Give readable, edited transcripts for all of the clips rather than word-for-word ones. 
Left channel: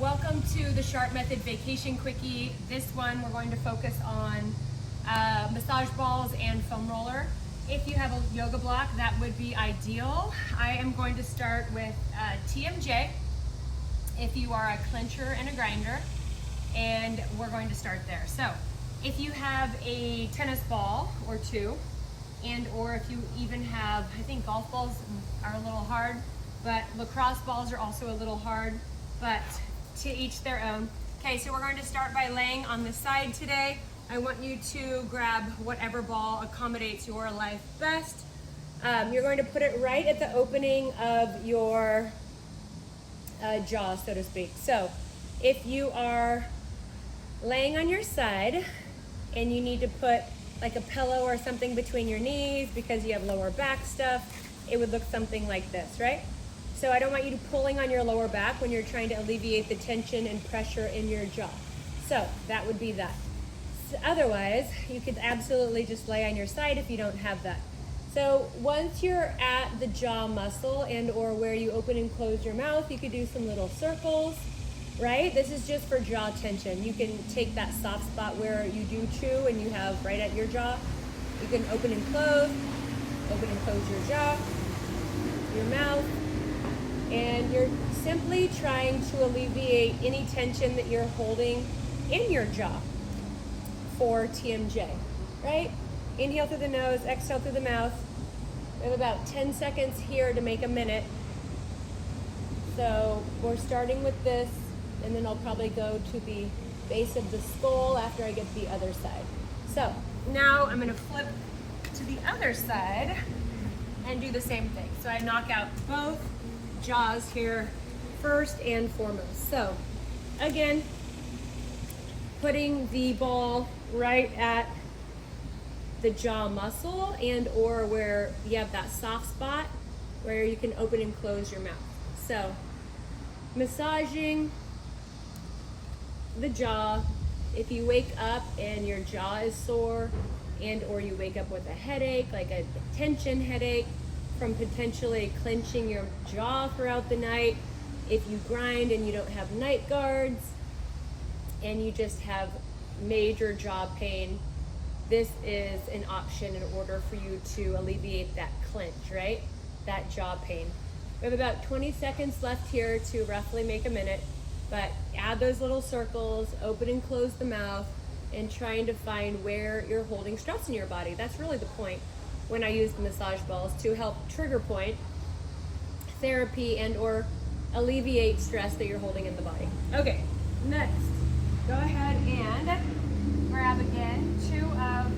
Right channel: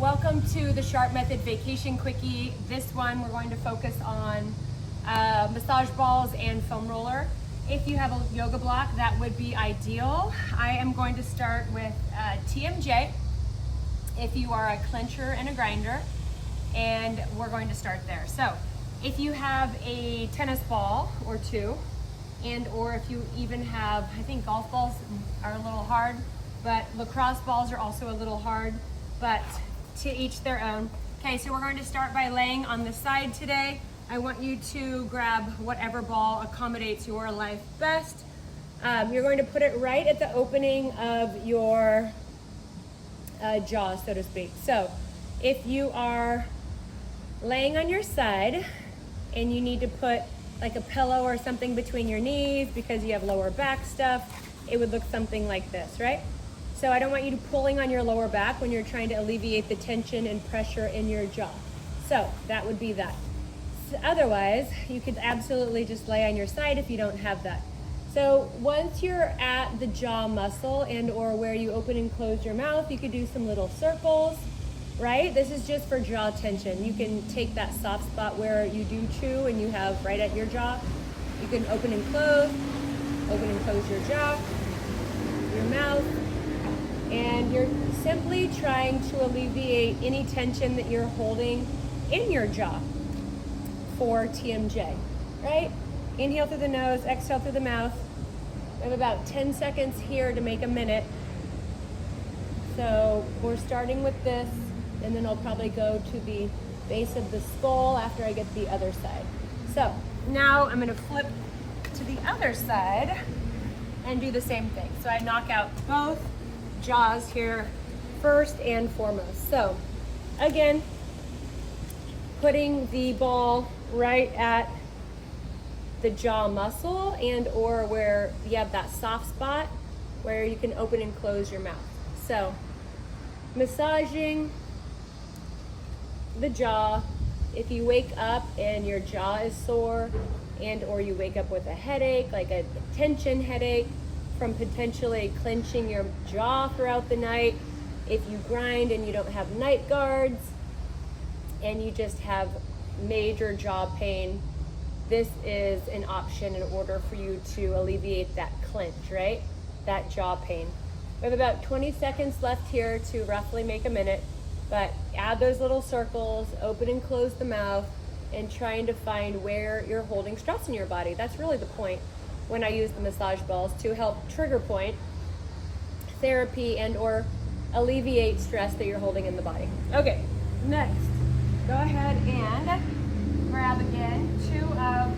Welcome to the Sharp Method Vacation Quickie. This one we're going to focus on massage balls and foam roller. If you have a yoga block, that would be ideal. I am going to start with TMJ if you are a clincher and a grinder, and we're going to start there. So if you have a tennis ball or two, and or if you even have, I think golf balls are a little hard, but lacrosse balls are also a little hard, but to each their own. Okay, so we're going to start by laying on the side today. I want you to grab whatever ball accommodates your life best. You're going to put it right at the opening of your jaw, so to speak. So if you are laying on your side and you need to put like a pillow or something between your knees because you have lower back stuff, it would look something like this, right? So I don't want you to pulling on your lower back when you're trying to alleviate the tension and pressure in your jaw. So that would be that. So otherwise, you could absolutely just lay on your side if you don't have that. So once you're at the jaw muscle and or where you open and close your mouth, you could do some little circles, right? This is just for jaw tension. You can take that soft spot where you do chew and you have right at your jaw. You can open and close your jaw, your mouth, and you're simply trying to alleviate any tension that you're holding in your jaw for TMJ, right? Inhale through the nose, exhale through the mouth. We have about 10 seconds here to make a minute. So we're starting with this, and then I'll probably go to the base of the skull after I get the other side. So now I'm gonna flip to the other side and do the same thing. So I knock out both jaws here first and foremost. So again, putting the ball right at the jaw muscle and or where you have that soft spot where you can open and close your mouth. So massaging the jaw. If you wake up and your jaw is sore and or you wake up with a headache, like a tension headache from potentially clenching your jaw throughout the night, if you grind and you don't have night guards and you just have major jaw pain, this is an option in order for you to alleviate that clench, right? That jaw pain. We have about 20 seconds left here to roughly make a minute, but add those little circles, open and close the mouth, and trying to find where you're holding stress in your body. That's really the point when I use the massage balls, to help trigger point therapy and or alleviate stress that you're holding in the body. Okay, next, go ahead and grab again two of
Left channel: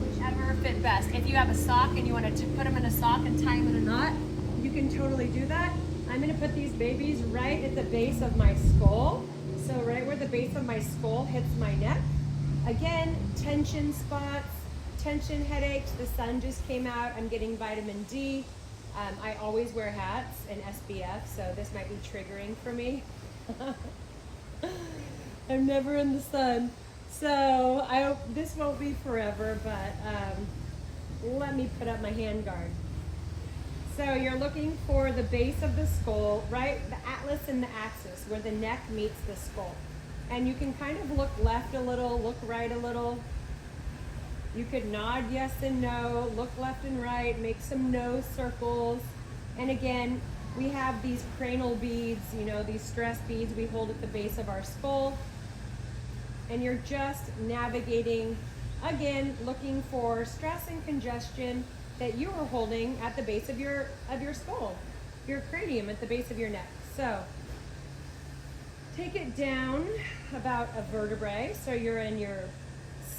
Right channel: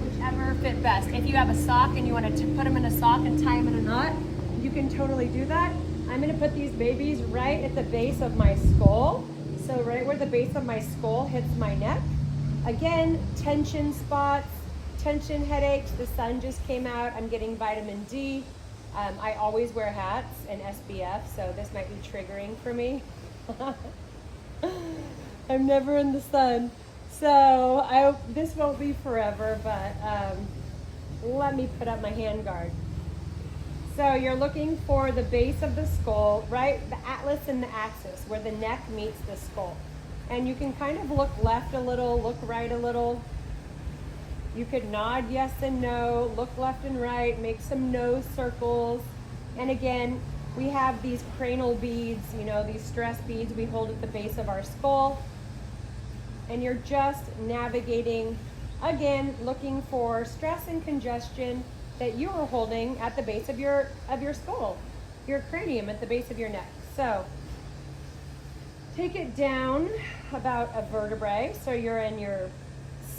whichever fit best. If you have a sock and you want to put them in a sock and tie them in a knot, you can totally do that. I'm gonna put these babies right at the base of my skull. So right where the base of my skull hits my neck. Again, tension spots, tension headaches. The sun just came out. I'm getting vitamin D. I always wear hats and SPF, so this might be triggering for me. I'm never in the sun. So this won't be forever, but let me put up my hand guard. So you're looking for the base of the skull, right? The atlas and the axis, where the neck meets the skull. And you can kind of look left a little, look right a little. You could nod yes and no, look left and right, make some nose circles. And again, we have these cranial beads, you know, these stress beads we hold at the base of our skull. And you're just navigating, again, looking for stress and congestion that you are holding at the base of your skull, your cranium at the base of your neck. So take it down about a vertebrae. So you're in your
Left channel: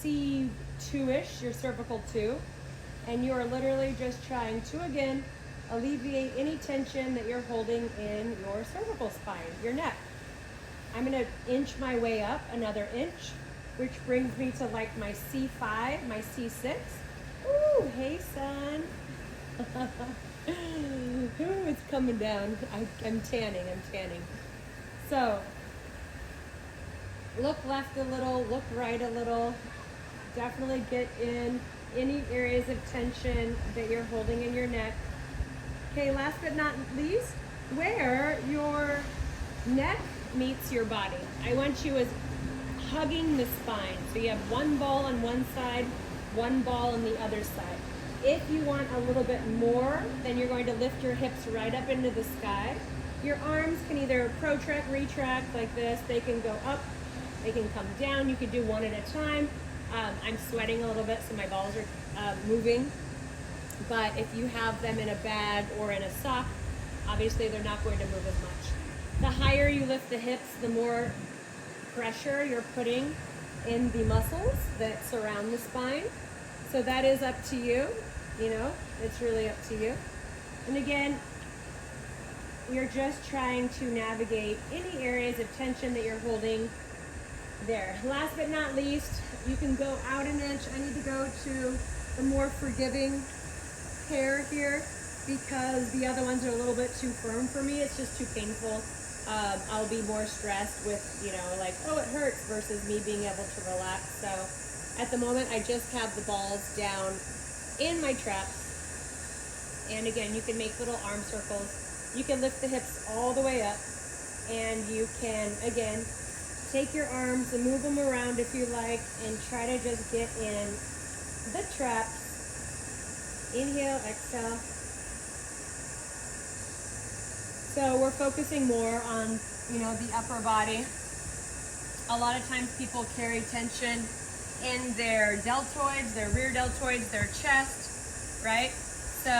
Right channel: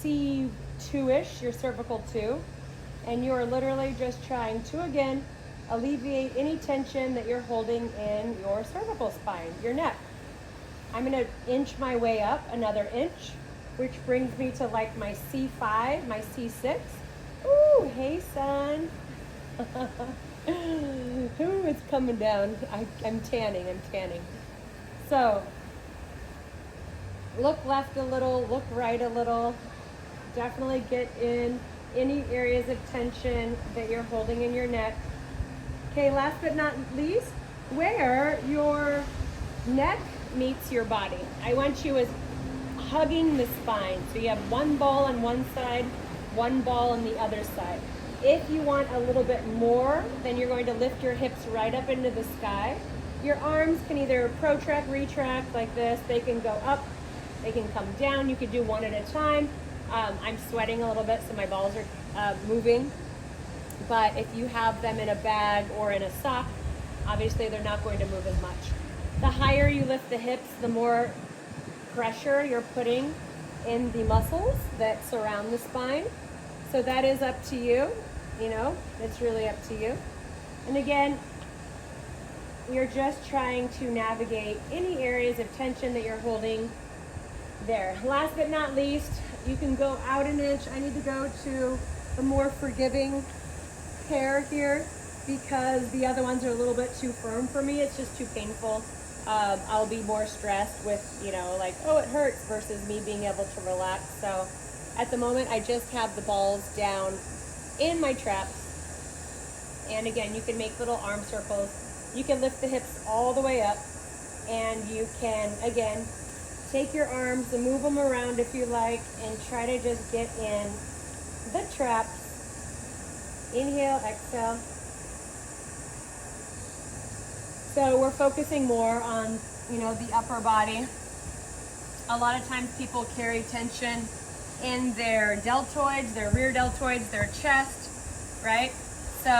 C2-ish, your cervical 2, and you are literally just trying to, again, alleviate any tension that you're holding in your cervical spine, your neck. I'm gonna inch my way up another inch, which brings me to like my C5, my C6. Ooh, hey son. Ooh, it's coming down. I'm tanning. So, look left a little, look right a little. Definitely get in any areas of tension that you're holding in your neck. Okay, last but not least, where your neck meets your body. I want you as hugging the spine. So you have one ball on one side, one ball on the other side. If you want a little bit more, then you're going to lift your hips right up into the sky. Your arms can either protract, retract like this. They can go up, they can come down. You could do one at a time. I'm sweating a little bit, so my balls are moving. But if you have them in a bag or in a sock, obviously they're not going to move as much. The higher you lift the hips, the more pressure you're putting in the muscles that surround the spine. So that is up to you, it's really up to you. And again, you're just trying to navigate any areas of tension that you're holding there. Last but not least, you can go out an inch. I need to go to the more forgiving pair here because the other ones are a little bit too firm for me. It's just too painful. I'll be more stressed with, like, oh, it hurts versus me being able to relax. So at the moment, I just have the balls down in my traps. And again, you can make little arm circles. You can lift the hips all the way up. And you can, again, take your arms and move them around if you like and try to just get in the traps. Inhale, exhale. So we're focusing more on, the upper body. A lot of times people carry tension in their deltoids, their rear deltoids, their chest, right? So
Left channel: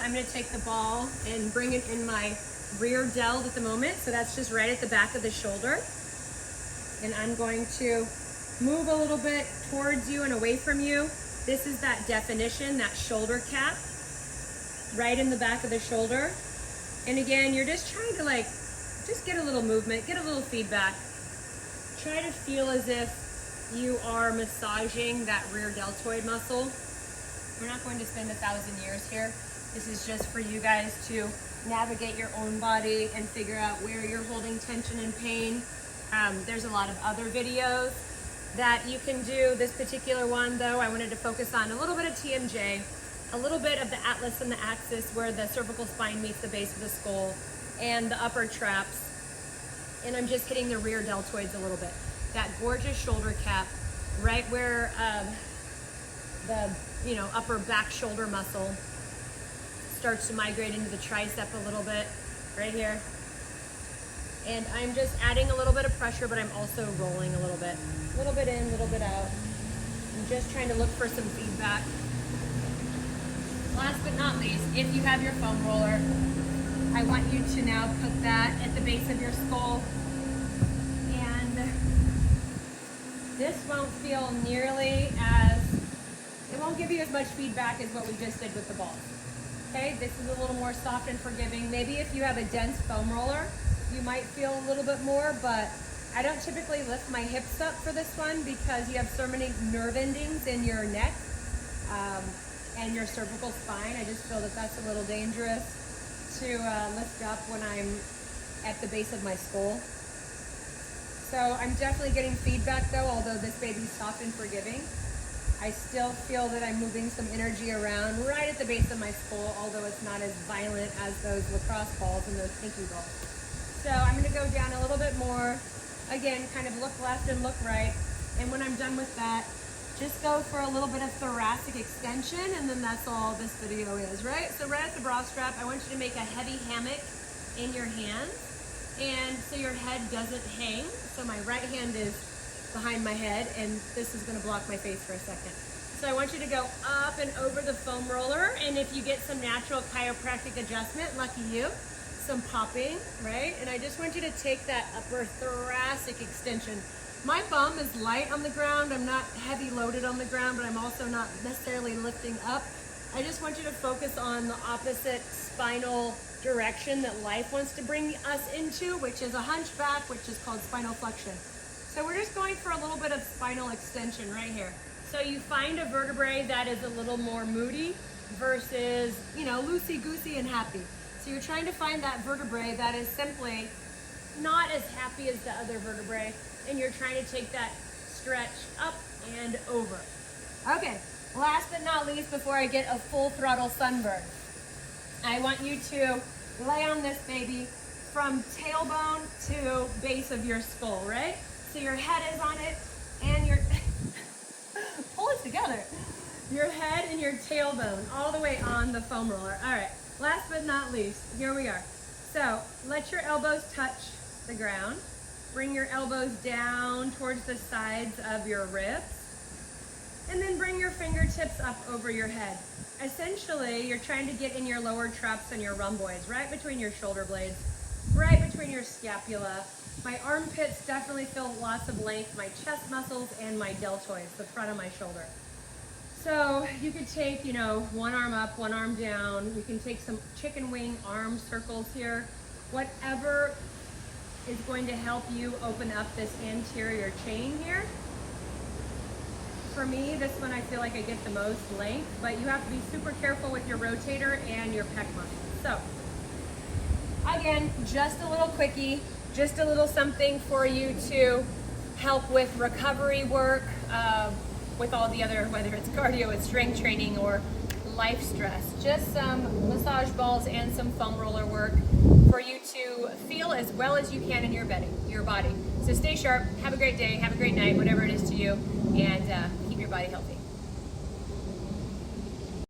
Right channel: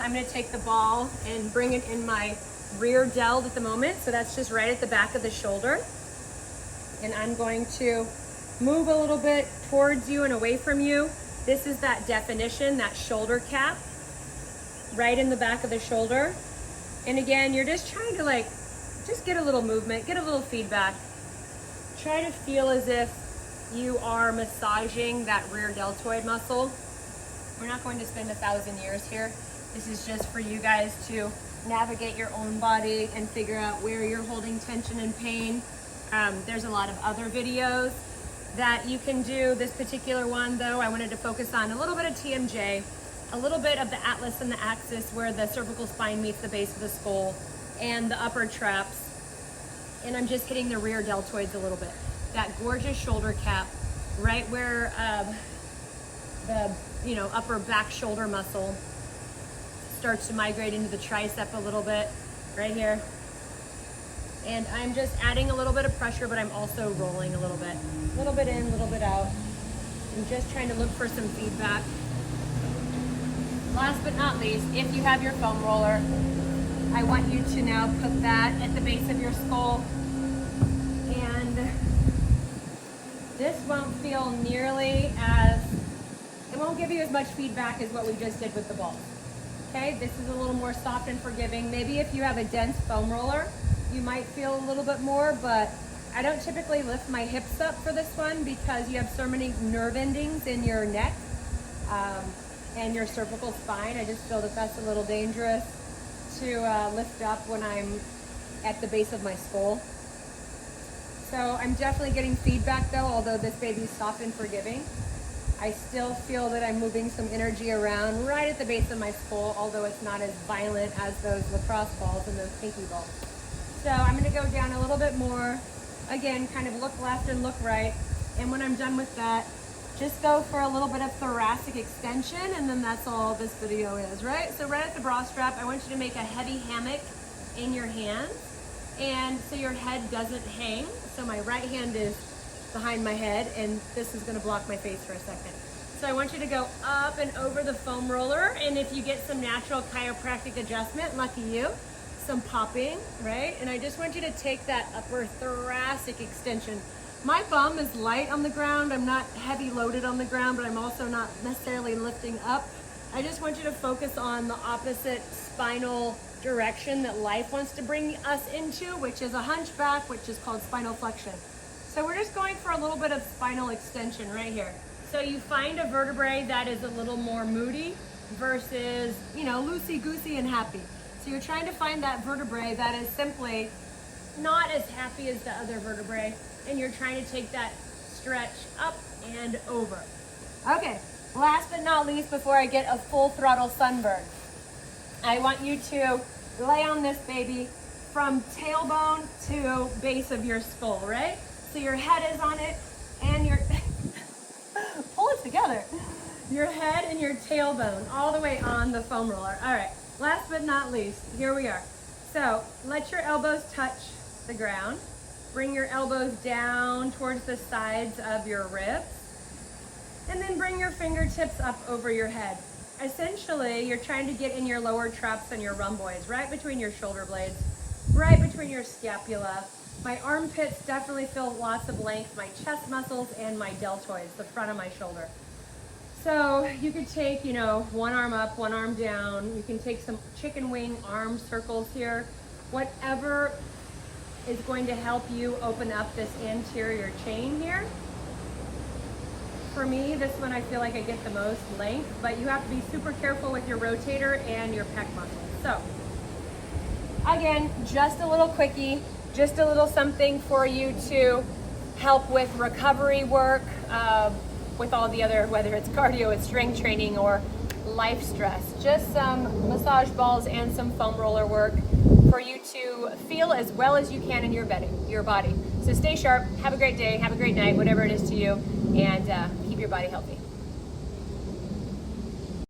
I'm going to take the ball and bring it in my rear delt at the moment. So that's just right at the back of the shoulder. And I'm going to move a little bit towards you and away from you. This is that definition, that shoulder cap, right in the back of the shoulder. And again, you're just trying to just get a little movement, get a little feedback. Try to feel as if you are massaging that rear deltoid muscle. We're not going to spend 1,000 years here. This is just for you guys to navigate your own body and figure out where you're holding tension and pain. There's a lot of other videos that you can do. This particular one, though, I wanted to focus on a little bit of TMJ, a little bit of the atlas and the axis where the cervical spine meets the base of the skull and the upper traps. And I'm just hitting the rear deltoids a little bit. That gorgeous shoulder cap right where the upper back shoulder muscle starts to migrate into the tricep a little bit right here. And I'm just adding a little bit of pressure, but I'm also rolling a little bit in, a little bit out. I'm just trying to look for some feedback. Last but not least, if you have your foam roller, I want you to now put that at the base of your skull. And this won't feel nearly as, it won't give you as much feedback as what we just did with the balls. Okay, this is a little more soft and forgiving. Maybe if you have a dense foam roller, you might feel a little bit more, but I don't typically lift my hips up for this one because you have so many nerve endings in your neck and your cervical spine. I just feel that that's a little dangerous to lift up when I'm at the base of my skull. So I'm definitely getting feedback though, although this baby's soft and forgiving. I still feel that I'm moving some energy around right at the base of my skull, although it's not as violent as those lacrosse balls and those pinky balls. So I'm gonna go down a little bit more. Again, kind of look left and look right. And when I'm done with that, just go for a little bit of thoracic extension, and then that's all this video is, right? So right at the bra strap, I want you to make a heavy hammock in your hands, and so your head doesn't hang. So my right hand is behind my head, and this is gonna block my face for a second. So I want you to go up and over the foam roller, and if you get some natural chiropractic adjustment, lucky you, some popping, right? And I just want you to take that upper thoracic extension. My bum is light on the ground. I'm not heavy loaded on the ground, but I'm also not necessarily lifting up. I just want you to focus on the opposite spinal direction that life wants to bring us into, which is a hunchback, which is called spinal flexion. So we're just going for a little bit of spinal extension right here. So you find a vertebrae that is a little more moody versus, loosey-goosey and happy. So you're trying to find that vertebrae that is simply not as happy as the other vertebrae, and you're trying to take that stretch up and over. Okay, last but not least, before I get a full throttle sunburn, I want you to lay on this baby from tailbone to base of your skull, right? So your head is on it and your, pull it together. Your head and your tailbone all the way on the foam roller. All right, last but not least, here we are. So let your elbows touch the ground. Bring your elbows down towards the sides of your ribs. And then bring your fingertips up over your head. Essentially, you're trying to get in your lower traps and your rhomboids, right between your shoulder blades, right between your scapula. My armpits definitely feel lots of length, my chest muscles and my deltoids, the front of my shoulder. So you could take, you know, one arm up, one arm down. You can take some chicken wing arm circles here. Whatever is going to help you open up this anterior chain here. For me, this one I feel like I get the most length, but you have to be super careful with your rotator and your pec muscles. So again, just a little quickie, just a little something for you to help with recovery work, with all the other, whether it's cardio and strength training or life stress. Just some massage balls and some foam roller work for you to feel as well as you can in your body. So stay sharp, have a great day, have a great night, whatever it is to you, and keep your body healthy.